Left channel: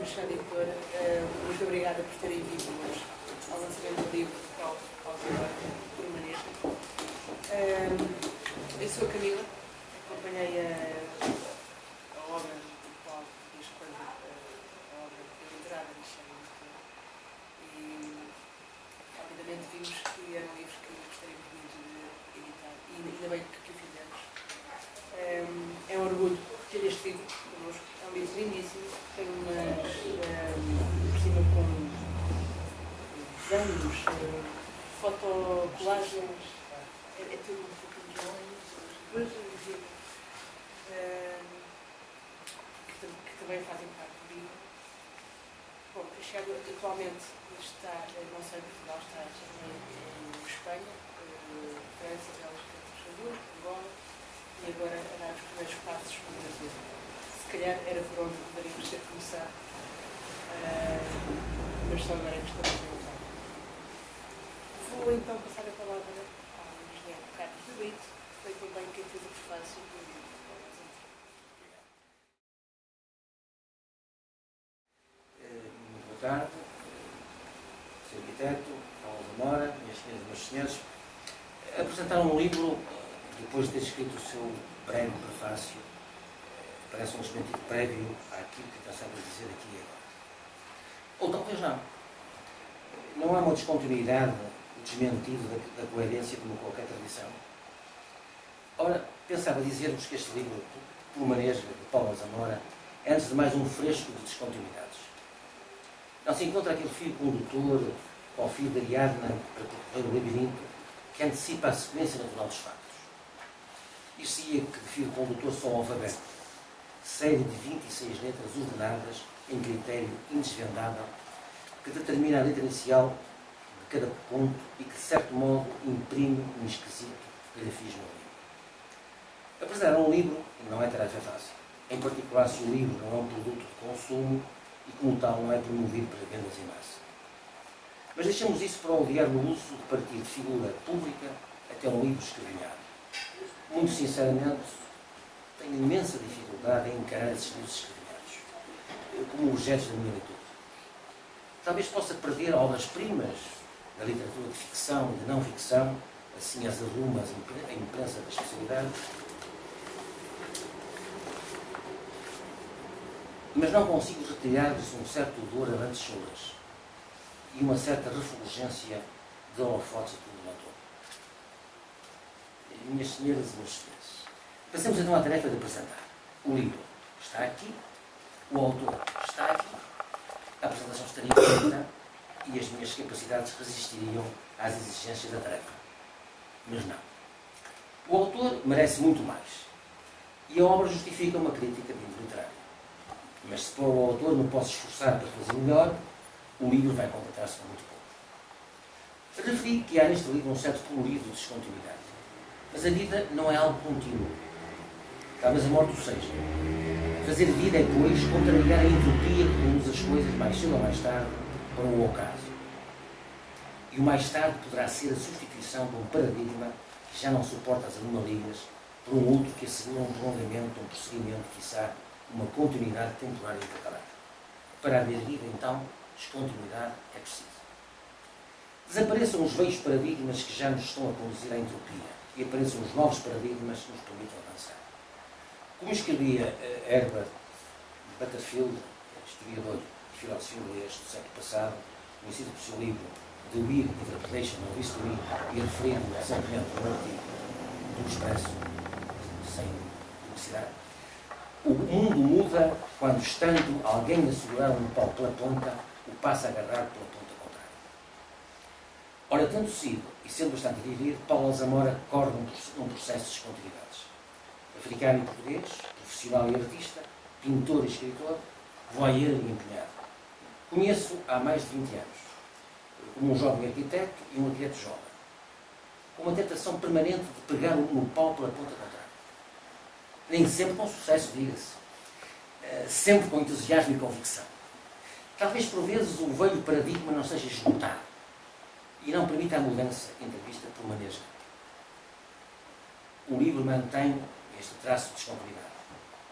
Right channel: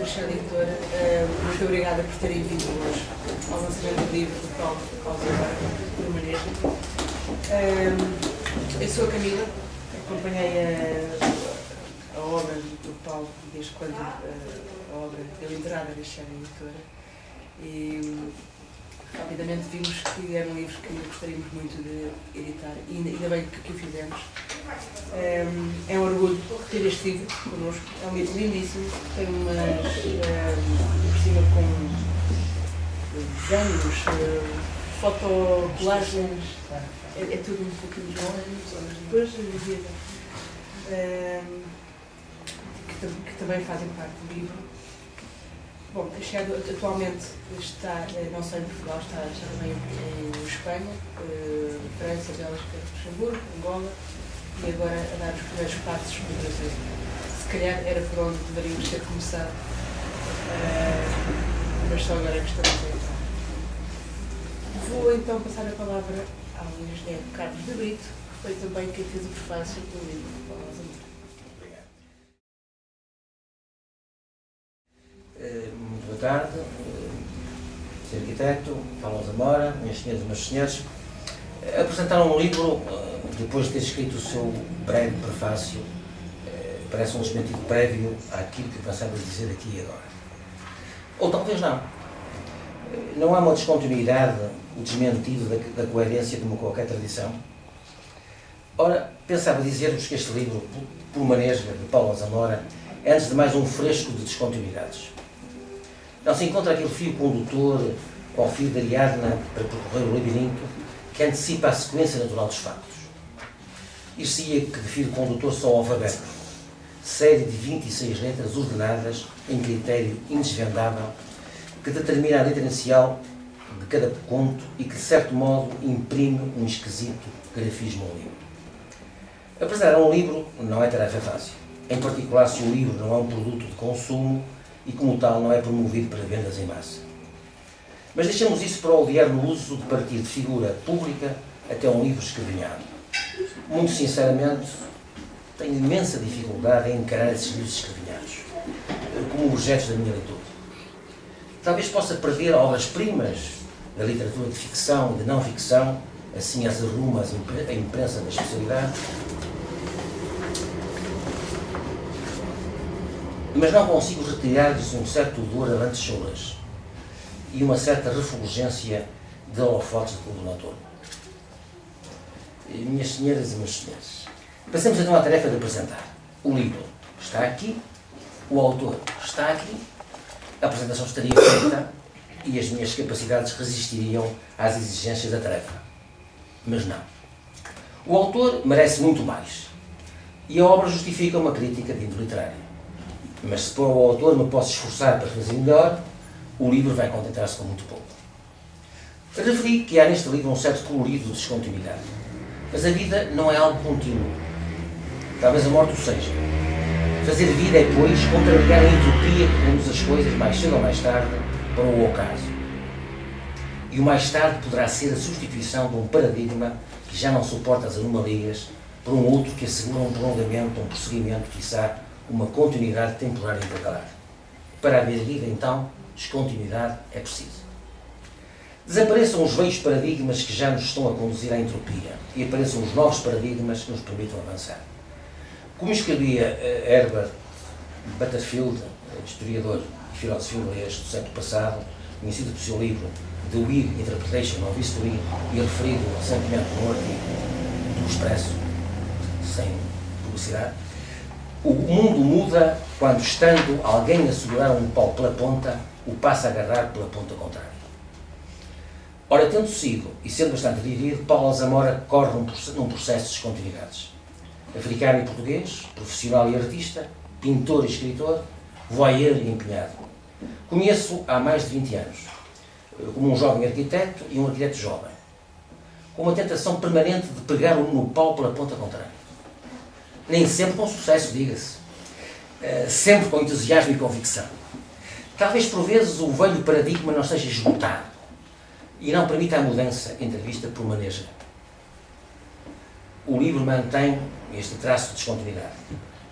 da Chá Editora. Muito obrigada por terem vindo hoje ao lançamento do livro do Paulo Permaneja. Eu sou a Camila, acompanhei a obra do Paulo desde quando a obra deu entrada da Chá Editora e rapidamente vimos que eram livros que gostaríamos muito de editar e ainda bem que o fizemos. É um orgulho ter este livro connosco, é um livro lindíssimo, tem umas por cima com desenhos, fotocolagens, é tudo um pouquinho depois que também fazem parte do livro. Bom, a Chá atualmente está, não só em Portugal, está também em Espanha, França, Bélgica, Luxemburgo, Angola, e agora a dar os primeiros passos no Brasil. Se calhar era por onde deveríamos ter começado, mas só agora é que estamos a entrar. Vou então passar a palavra ao engenheiro Carlos de Brito, que foi também quem fez o prefácio do livro de Paulo Zamora. Muito boa tarde, Sr. Arquiteto, Paulo Zamora, minhas senhoras e meus senhores. Apresentaram um livro, depois de ter escrito o seu breve prefácio, parece um desmentido prévio àquilo que pensava dizer aqui e agora. Ou talvez não. Não há uma descontinuidade, o desmentido da coerência como qualquer tradição. Ora, pensava dizer-vos que este livro, Permaneja, de Paulo Zamora, é antes de mais um fresco de descontinuidades. Não se encontra aquele fio condutor ou fio de Ariadna para percorrer o labirinto que antecipa a sequência natural dos factos. Dir-se-ia que de fio condutor só o alfabeto, série de 26 letras ordenadas em critério indesvendável que determina a letra inicial de cada conto e que, de certo modo, imprime um esquisito grafismo ao livro. Apresentar um livro não é tarefa fácil, em particular se o livro não é um produto de consumo e, como tal, não é promovido para vendas em massa. Mas deixamos isso para odiar no uso de partir de figura pública até um livro escrevinhado. Muito sinceramente, tenho imensa dificuldade em encarar esses livros escrevinhados como objetos da minha leitura. Talvez possa perder obras-primas da literatura de ficção e de não ficção, assim as arrumas a imprensa da especialidade, mas não consigo retirar-lhes um certo odor a lantejoulas e uma certa refulgência de holofotes de coordenador. Minhas senhoras e meus senhores, passemos então à tarefa de apresentar. O livro está aqui, o autor está aqui, a apresentação estaria feita e as minhas capacidades resistiriam às exigências da tarefa. Mas não. O autor merece muito mais e a obra justifica uma crítica de índole literária. Mas se para o autor me posso esforçar para fazer melhor, o livro vai contentar-se com muito pouco. Referi que há neste livro um certo colorido de descontinuidade. Mas a vida não é algo contínuo. Talvez a morte o seja. Fazer vida é, pois, contrariar a entropia que conduz as coisas, mais cedo ou mais tarde, para o ocaso. E o mais tarde poderá ser a substituição de um paradigma que já não suporta as anomalias por um outro que assegura um prolongamento, um prosseguimento, quiçá, uma continuidade temporária intercalar. Para haver vida, então, descontinuidade é preciso. Desapareçam os velhos paradigmas que já nos estão a conduzir à entropia e apareçam os novos paradigmas que nos permitam avançar. Como escrevia Herbert Butterfield, historiador e filósofo inglês do século passado, conhecido pelo seu livro The Whig Interpretation of History e referido recentemente num artigo do Expresso, sem publicidade, o mundo muda quando, estando alguém a segurar um pau pela ponta, o passa a agarrar pela ponta contrária. Ora, tendo sido, e sendo bastante vivido, Paulo Zamora corre num processo de descontinuidades. Africano e português, profissional e artista, pintor e escritor, voyeur e empenhado. Conheço há mais de 20 anos, como um jovem arquiteto e um arquiteto jovem, com uma tentação permanente de pegar no pau pela ponta contrária. Nem sempre com sucesso, diga-se. Sempre com entusiasmo e convicção. Talvez por vezes o velho paradigma não seja esgotado e não permita a mudança entrevista por maneja. O livro mantém este traço de descontinuidade.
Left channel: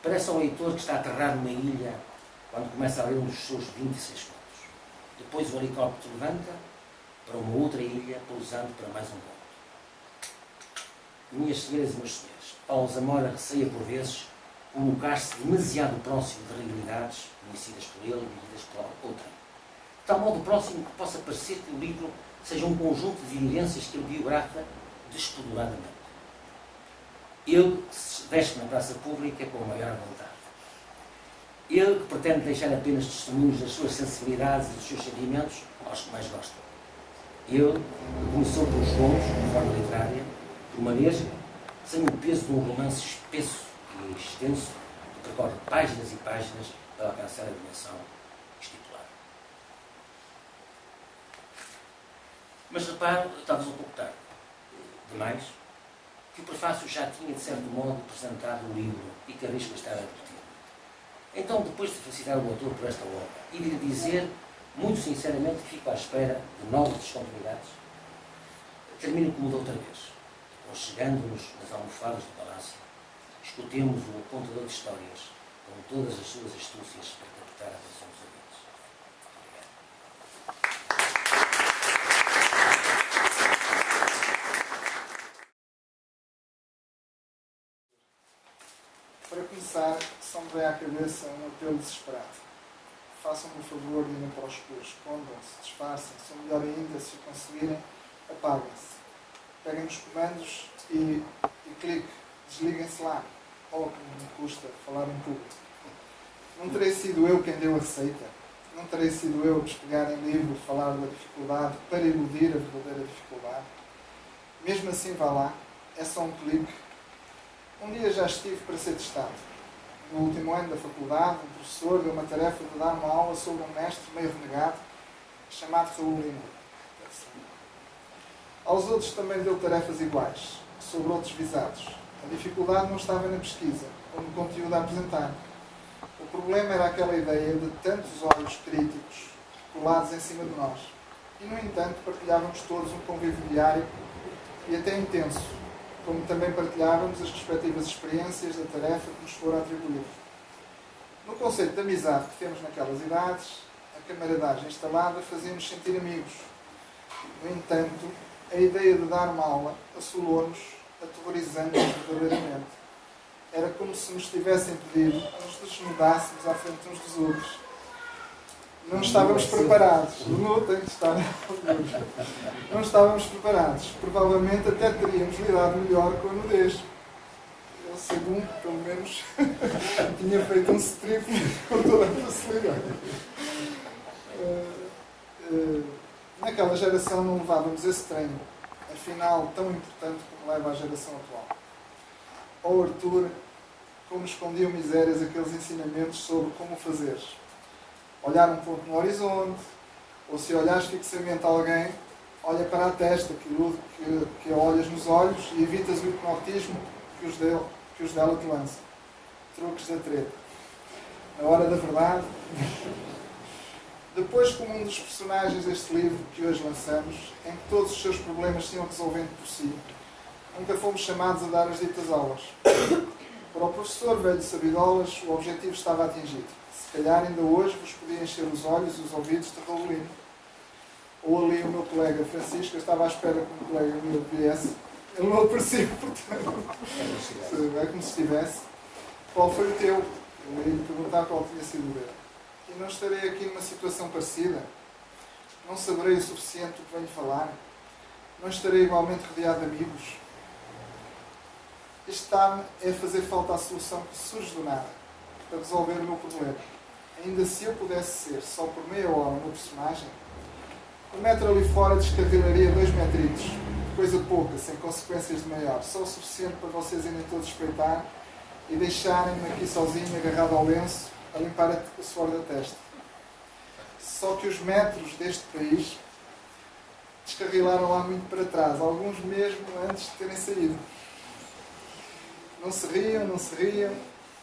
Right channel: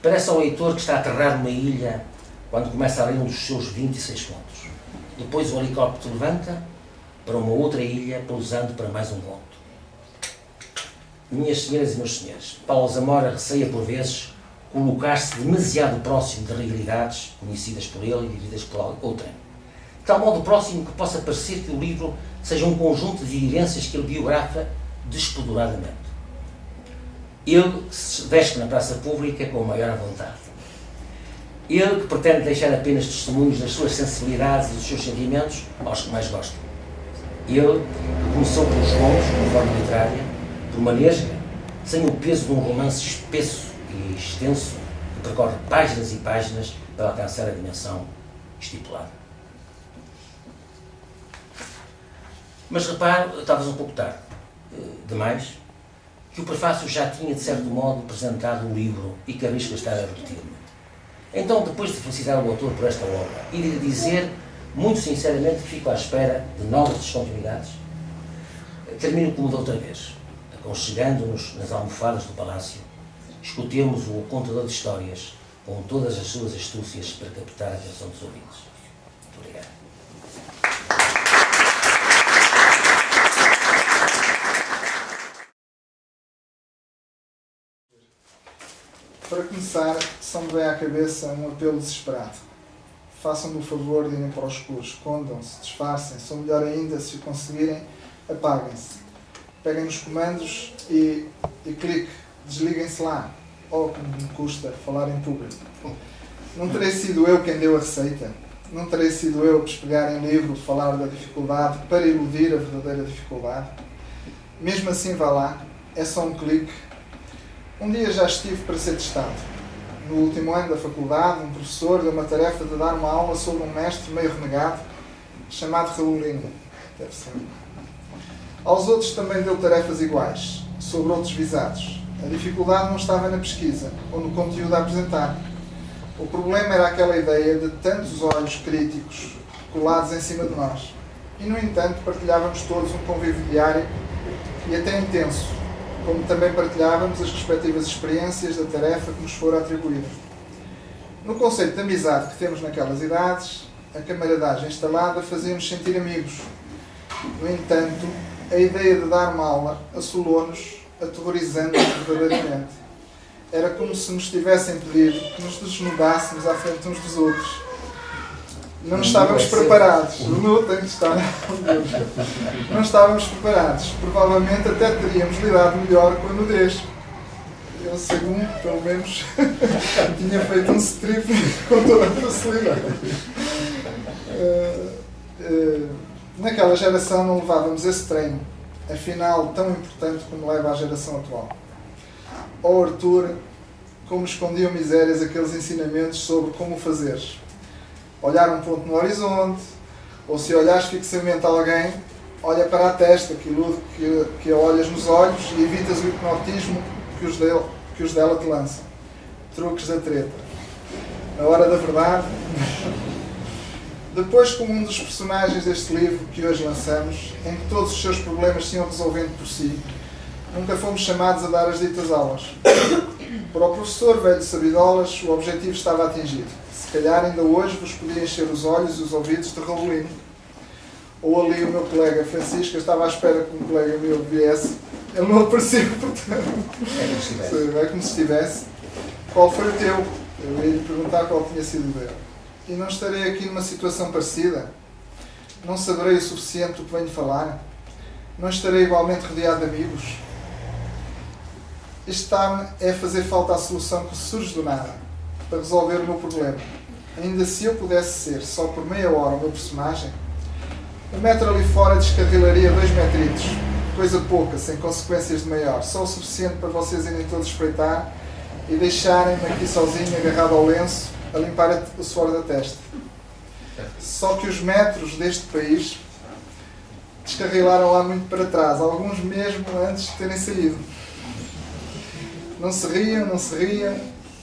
Parece ao leitor que está a aterrar numa ilha quando começa a ler um dos seus 26 contos. Depois o helicóptero levanta para uma outra ilha, pousando para mais um conto. Minhas senhoras e meus senhores, Paulo Zamora receia por vezes colocar-se demasiado próximo de realidades conhecidas por ele e vividas por outrem. De tal modo próximo que possa parecer que o livro seja um conjunto de vivências que ele biografa despoduradamente. Ele se veste na praça pública com a maior vontade. Ele que pretende deixar apenas testemunhos das suas sensibilidades e dos seus sentimentos aos que mais gostam. Ele que começou pelos contos, como forma literária, por uma nesga, sem o peso de um romance espesso e extenso que percorre páginas e páginas para alcançar a dimensão estipulada. Mas reparo, talvez um pouco tarde demais, que o prefácio já tinha, de certo modo, apresentado o livro e que arrisco estar a repetir-me. Então, depois de felicitar o autor por esta obra e de lhe dizer, muito sinceramente, que fico à espera de novas descontinuidades, termino como da outra vez, aconchegando-nos nas almofadas do palácio, escutemos o contador de histórias com todas as suas astúcias para captar a atenção dos ouvintes. Muito obrigado. Para começar, só me vem à cabeça um apelo desesperado. Façam-me o favor de irem para o escuro, escondam-se, disfarcem-se, ou melhor ainda, se o conseguirem, apaguem-se. Peguem nos comandos e clique, desliguem-se lá. Oh, como me custa falar em público. Não terei sido eu quem deu a receita. Não terei sido eu a despegar em livro, falar da dificuldade para iludir a verdadeira dificuldade. Mesmo assim, vá lá, é só um clique. Um dia já estive para ser testado. No último ano da faculdade, um professor deu uma tarefa de dar uma aula sobre um mestre meio renegado, chamado Raulino. Deve ser. Aos outros também deu tarefas iguais, sobre outros visados. A dificuldade não estava na pesquisa, ou no conteúdo a apresentar. O problema era aquela ideia de tantos olhos críticos colados em cima de nós. E, no entanto, partilhávamos todos um convívio diário e até intenso, como também partilhávamos as respectivas experiências da tarefa que nos fora atribuída. No conceito de amizade que temos naquelas idades, a camaradagem instalada fazia-nos sentir amigos. No entanto, a ideia de dar uma aula assolou-nos, aterrorizando-nos verdadeiramente. Era como se nos tivessem pedido que nos desnudássemos à frente uns dos outros. Não estávamos preparados. O nu tem que estar. Não estávamos preparados. Provavelmente até teríamos lidado melhor com a nudez. Eu, segundo, pelo menos, tinha feito um strip com toda a facilidade. Naquela geração não levávamos esse treino, afinal tão importante como leva a geração atual. Oh Arthur, como escondiam misérias aqueles ensinamentos sobre como fazeres. Olhar um ponto no horizonte, ou se olhares fixamente alguém, olha para a testa, que ilude que a olhas nos olhos e evitas o hipnotismo que os dela te lançam. Truques da treta. Na hora da verdade... Depois, como um dos personagens deste livro que hoje lançamos, em que todos os seus problemas se iam resolvendo por si, nunca fomos chamados a dar as ditas aulas. Para o professor velho sabidolas, o objetivo estava atingido. Se calhar ainda hoje vos podia encher os olhos e os ouvidos de Raulino. Ou ali o meu colega Francisco, eu estava à espera que um colega meu viesse. Ele não apareceu, portanto. É como se estivesse. Qual foi o teu? Eu ia lhe perguntar qual tinha sido o dele. E não estarei aqui numa situação parecida? Não saberei o suficiente do que venho falar? Não estarei igualmente rodeado de amigos? Está-me a fazer falta a solução que surge do nada, para resolver o meu problema. Ainda se eu pudesse ser, só por meia hora, o meu personagem, o metro ali fora descarrilaria 2 metritos, coisa pouca, sem consequências de maior, só o suficiente para vocês irem todos espreitar e deixarem-me aqui sozinho, agarrado ao lenço, a limpar o suor da testa. Só que os metros deste país descarrilaram lá muito para trás, alguns mesmo antes de terem saído. Não se riam,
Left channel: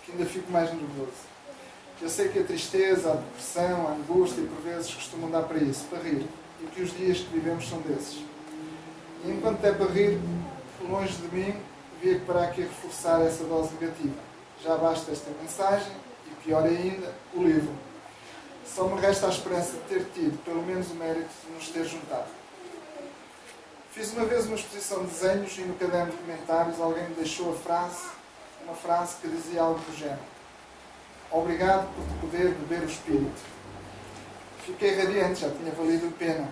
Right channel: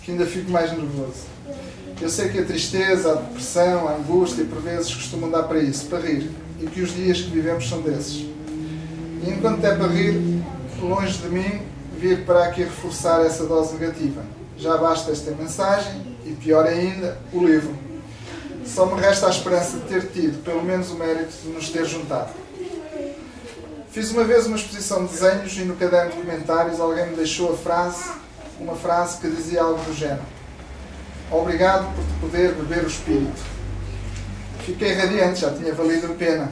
que ainda fico mais nervoso. Eu sei que a tristeza, a depressão, a angústia, por vezes costumam dar para isso, para rir, e que os dias que vivemos são desses. E enquanto é para rir, longe de mim, vir para aqui reforçar essa dose negativa. Já basta esta mensagem, e pior ainda, o livro. Só me resta a esperança de ter tido, pelo menos, o mérito de nos ter juntado. Fiz uma vez uma exposição de desenhos e no caderno de comentários alguém me deixou uma frase que dizia algo do género: obrigado por te poder beber o espírito. Fiquei radiante, já tinha valido a pena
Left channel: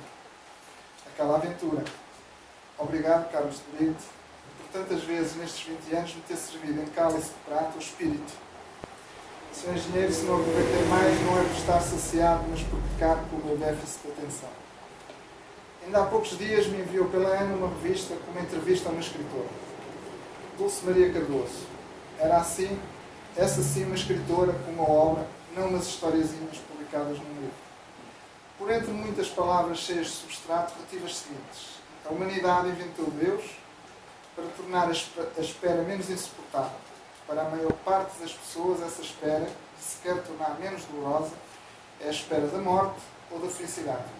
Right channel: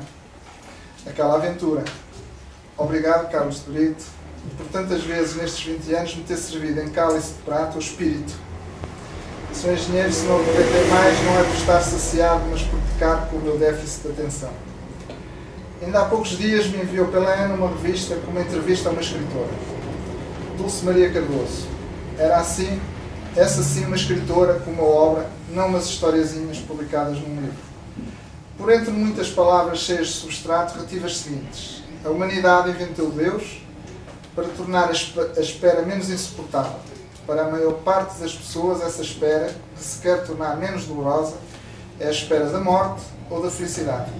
aquela aventura. Obrigado, Carlos de Brito, por tantas vezes nestes 20 anos me ter servido em cálice de prata o espírito. Sou engenheiro, se não aproveitei mais, não é por estar saciado, mas por pecar com o meu déficit de atenção. Ainda há poucos dias me enviou pela Ana uma revista com uma entrevista a uma escritora, Dulce Maria Cardoso. Era assim, essa sim, uma escritora com uma obra, não umas historiazinhas publicadas num livro. Por entre muitas palavras cheias de substrato, retive as seguintes: a humanidade inventou Deus para tornar a espera menos insuportável. Para a maior parte das pessoas, essa espera, que se quer tornar menos dolorosa, é a espera da morte ou da felicidade.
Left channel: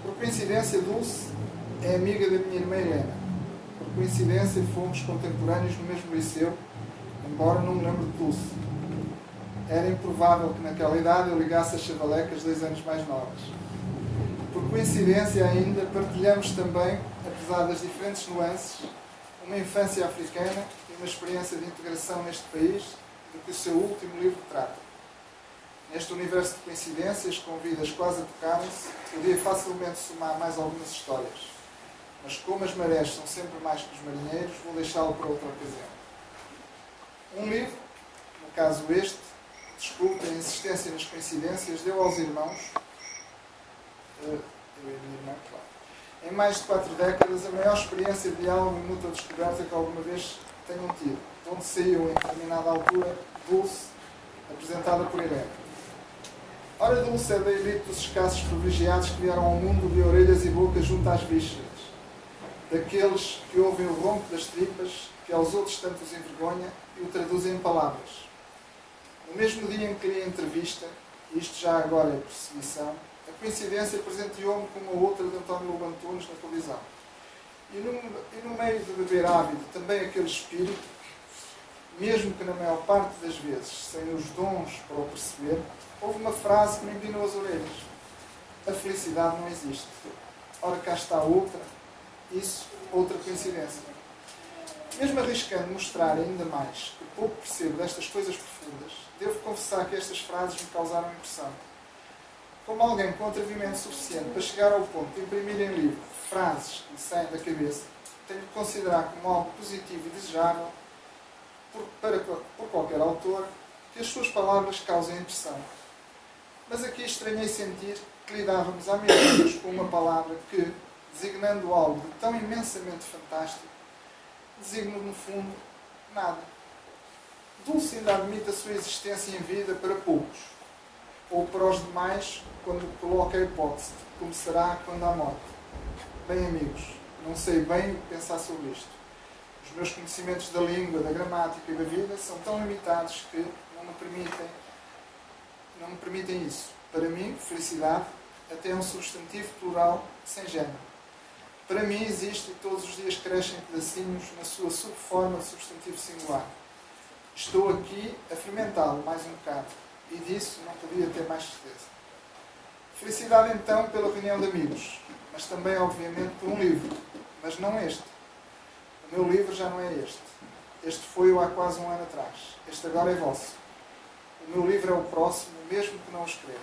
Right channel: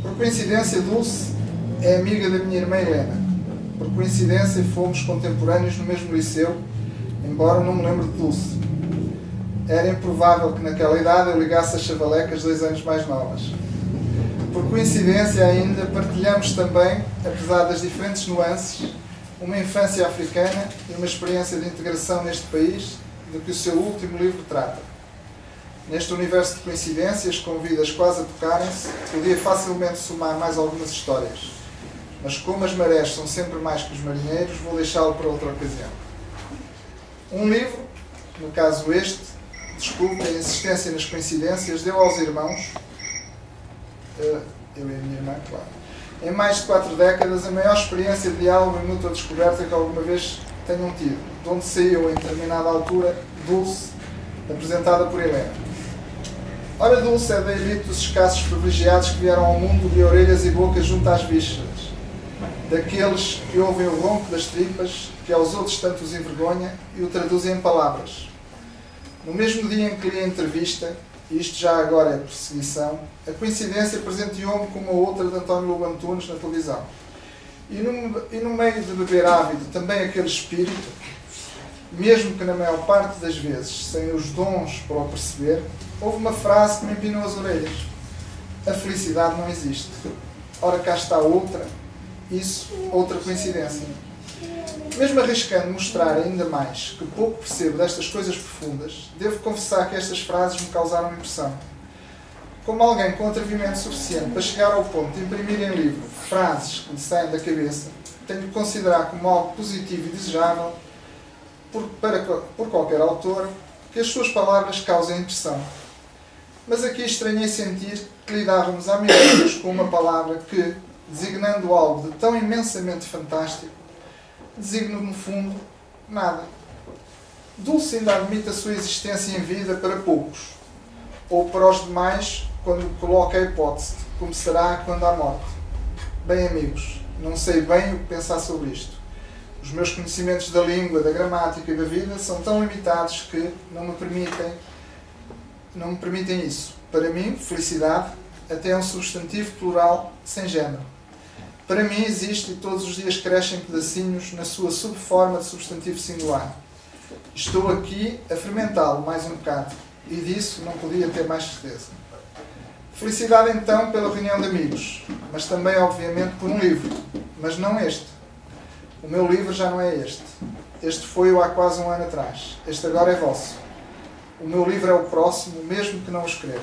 Por coincidência, Dulce é amiga da minha irmã Helena. Por coincidência, fomos contemporâneos no mesmo liceu, embora não me lembre de Dulce. Era improvável que naquela idade eu ligasse as chavalecas 2 anos mais novas. Por coincidência ainda, partilhamos também, apesar das diferentes nuances, uma infância africana e uma experiência de integração neste país de que o seu último livro trata. Neste universo de coincidências, com vidas quase a tocarem-se, podia facilmente somar mais algumas histórias. Mas como as marés são sempre mais que os marinheiros, vou deixá-lo para outra ocasião. Um livro, no caso este, desculpe a insistência nas coincidências, deu aos irmãos, eu e a minha irmã, claro, em mais de 4 décadas, a maior experiência de diálogo e mútua descoberta que alguma vez tenham tido, de onde saiu, em determinada altura, Dulce, apresentada por Helena. Ora, Dulce é da elite dos escassos privilegiados que vieram ao mundo de orelhas e bocas junto às vísceras, daqueles que ouvem o ronco das tripas, que aos outros tanto os envergonha, e o traduzem em palavras. No mesmo dia em que li a entrevista, e isto já agora é perseguição, a coincidência presenteou-me com uma outra de António Lobo Antunes na televisão. E no meio de beber ávido também aquele espírito, mesmo que na maior parte das vezes sem os dons para o perceber, houve uma frase que me empinou as orelhas: a felicidade não existe. Ora, cá está outra, isso, outra coincidência. Mesmo arriscando mostrar ainda mais que pouco percebo destas coisas profundas, devo confessar que estas frases me causaram impressão. Como alguém com atrevimento suficiente para chegar ao ponto de imprimir em livro frases que lhe saem da cabeça, tenho de considerar como algo positivo e desejável por qualquer autor que as suas palavras causem impressão. Mas aqui estranhei sentir que lidávamos há minutos com uma palavra que, designando algo de tão imensamente fantástico, designa no fundo nada. Dulce ainda admite a sua existência em vida para poucos, ou para os demais quando coloca a hipótese de como será quando há morte. Bem, amigos, não sei bem o que pensar sobre isto. Os meus conhecimentos da língua, da gramática e da vida são tão limitados que não me permitem isso. Para mim, felicidade até é um substantivo plural sem género. Para mim existe e todos os dias crescem pedacinhos na sua subforma de substantivo singular. Estou aqui a fermentá-lo mais um bocado e disso não podia ter mais certeza. Felicidade então pela reunião de amigos, mas também obviamente por um livro, mas não este. O meu livro já não é este. Este foi-o há quase 1 ano atrás. Este agora é vosso. O meu livro é o próximo, mesmo que não o escreva.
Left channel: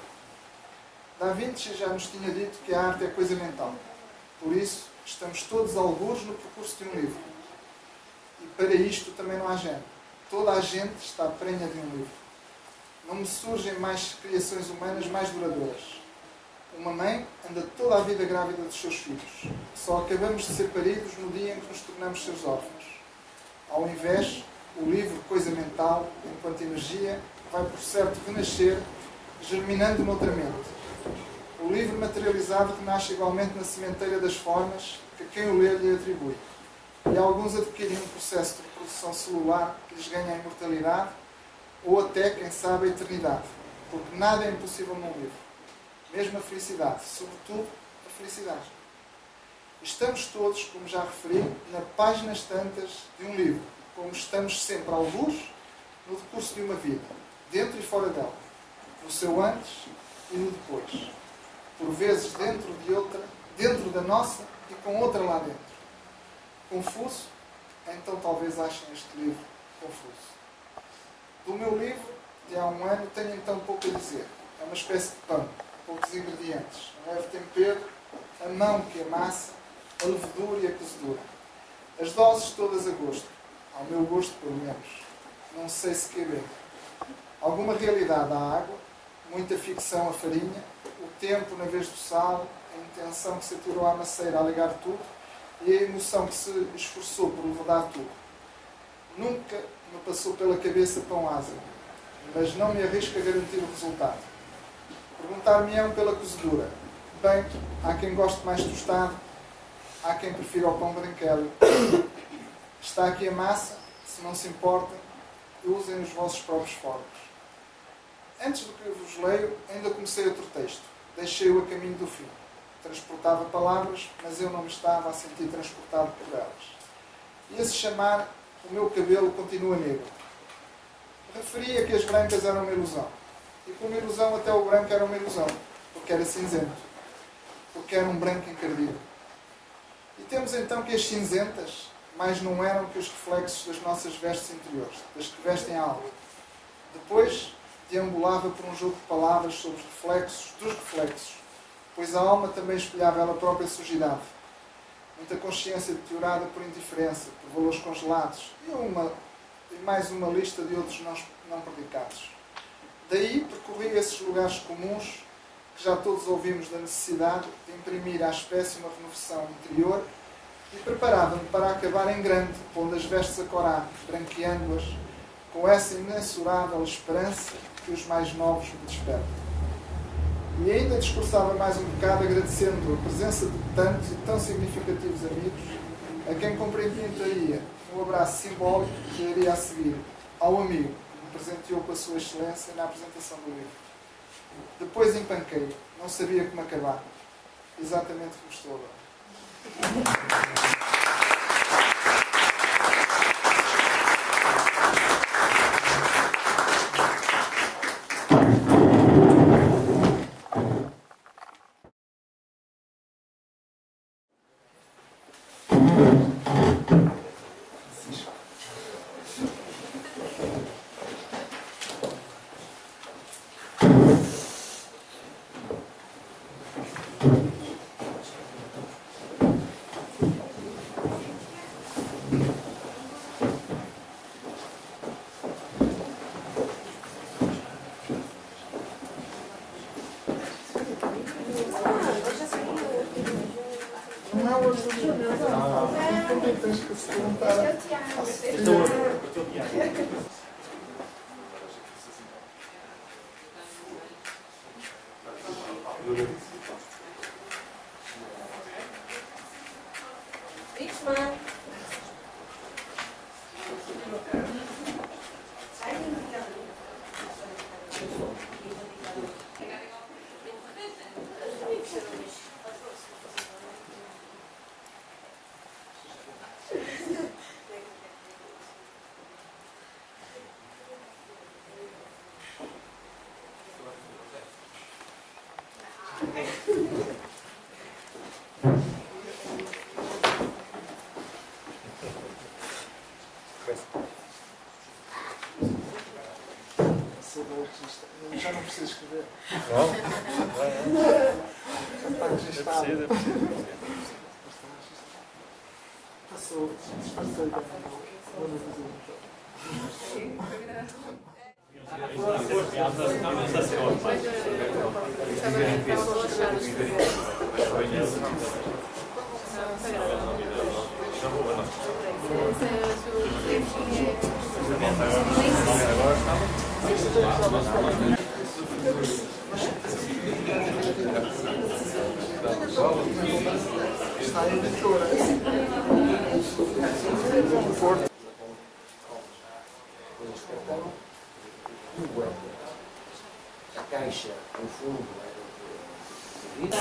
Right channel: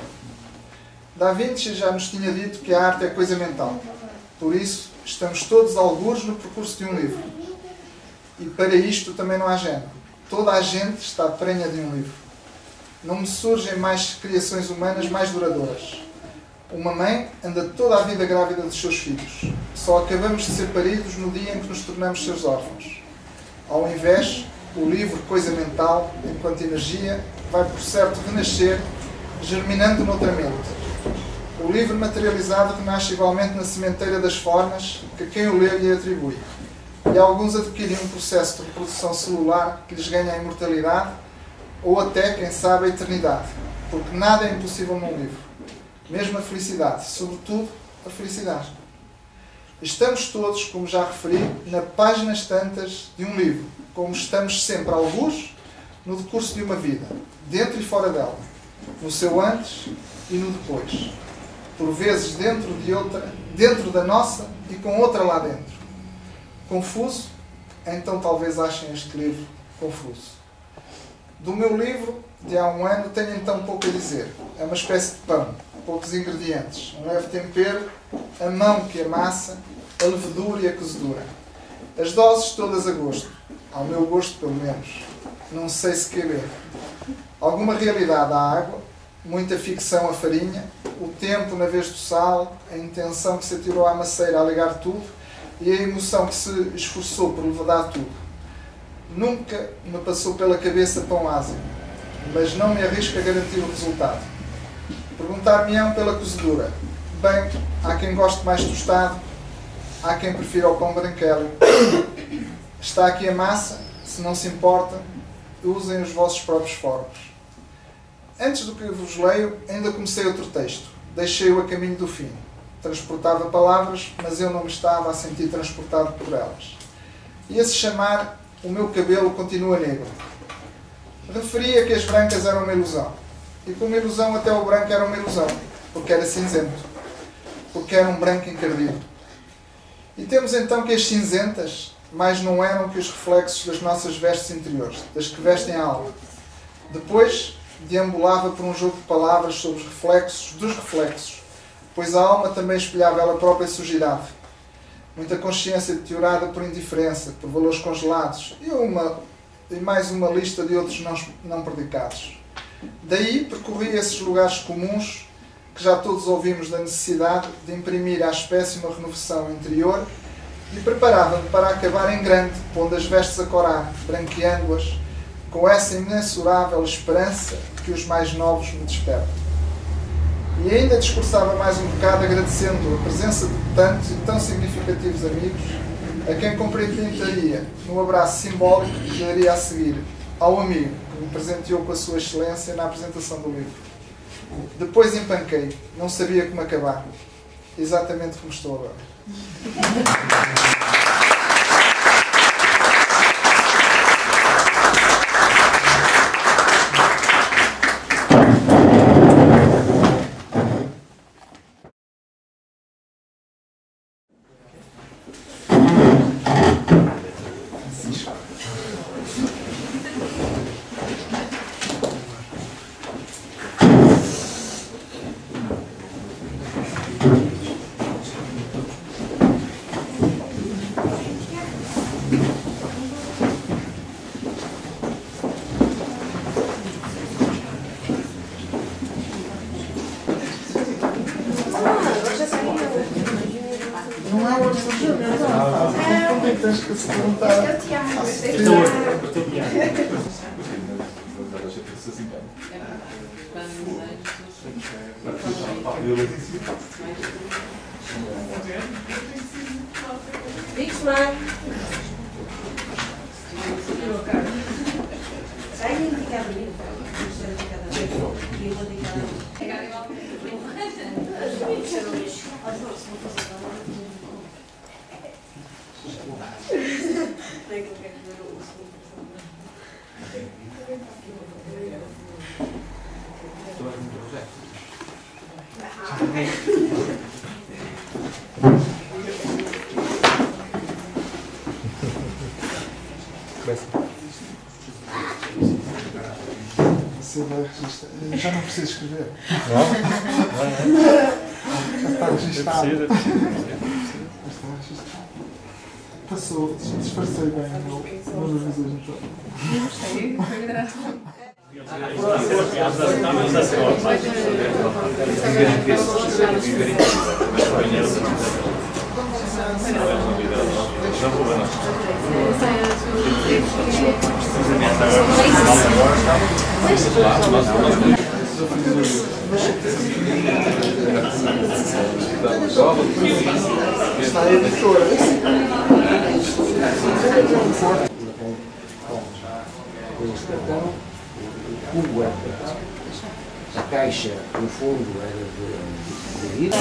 Da Vinci já nos tinha dito que a arte é coisa mental. Por isso, estamos todos algures no percurso de um livro. E para isto também não há género. Toda a gente está prenha de um livro. Não me surgem mais criações humanas mais duradouras. Uma mãe anda toda a vida grávida dos seus filhos. Só acabamos de ser paridos no dia em que nos tornamos seus órfãos. Ao invés, o livro, coisa mental, enquanto energia, vai por certo renascer, germinando noutra mente. O livro materializado renasce igualmente na sementeira das formas que quem o lê lhe atribui. E alguns adquirem um processo de reprodução celular que lhes ganha a imortalidade ou até, quem sabe, a eternidade. Porque nada é impossível num livro. Mesmo a felicidade, sobretudo a felicidade. Estamos todos, como já referi, na páginas tantas de um livro, como estamos sempre algures no decurso de uma vida, dentro e fora dela. no seu antes e no depois, por vezes dentro da nossa e com outra lá dentro. Confuso? Então talvez achem este livro confuso. Do meu livro, de há um ano, tenho então pouco a dizer. É uma espécie de pão, poucos ingredientes, um leve tempero, a mão que amassa, a levedura e a cozedura. As doses todas a gosto, ao meu gosto pelo menos. Não sei se caber. Alguma realidade à água, muita ficção à farinha, o tempo na vez do sal, a intenção que se atirou à maceira a ligar tudo e a emoção que se esforçou por levedar tudo. Nunca me passou pela cabeça pão ázimo, mas não me arrisco a garantir o resultado. Perguntar-me-ão pela cozedura. Bem, há quem goste mais tostado, há quem prefira o pão branquelo. Está aqui a massa, se não se importa, usem os vossos próprios fornos. Antes do que vos leio, ainda comecei outro texto. Deixei-o a caminho do fim. Transportava palavras, mas eu não me estava a sentir transportado por elas. Ia-se chamar O Meu Cabelo Continua Negro. Referia que as brancas eram uma ilusão. E como ilusão, até o branco era uma ilusão, porque era cinzento. Porque era um branco encardido. E temos então que as cinzentas mais não eram que os reflexos das nossas vestes interiores, das que vestem a alma. Depois, deambulava por um jogo de palavras sobre os reflexos dos reflexos, pois a alma também espelhava ela própria sujidade. Muita consciência deteriorada por indiferença, por valores congelados e mais uma lista de outros não predicados. Daí percorria esses lugares comuns que já todos ouvimos da necessidade de imprimir à espécie uma renovação interior e preparava-me para acabar em grande, pondo as vestes a corar, branqueando-as, com essa imensurável esperança que os mais novos me despertam. E ainda discursava mais um bocado agradecendo a presença de tantos e tão significativos amigos, a quem cumprimentaria no abraço simbólico que daria a seguir ao amigo que me presenteou com a sua excelência na apresentação do livro. Depois empanquei, não sabia como acabar. Exatamente como estou agora. Não é o absoluto, não tens que se perguntar. Você vai registrar. Já não precisa escrever. Não? Já está registado. Já está registado. Passou, disfarcei bem o meu revisor então. Gostei, foi agradável. Está a editora. Coisas de cartão, o cubo era a caixa, no fundo, era de vidro.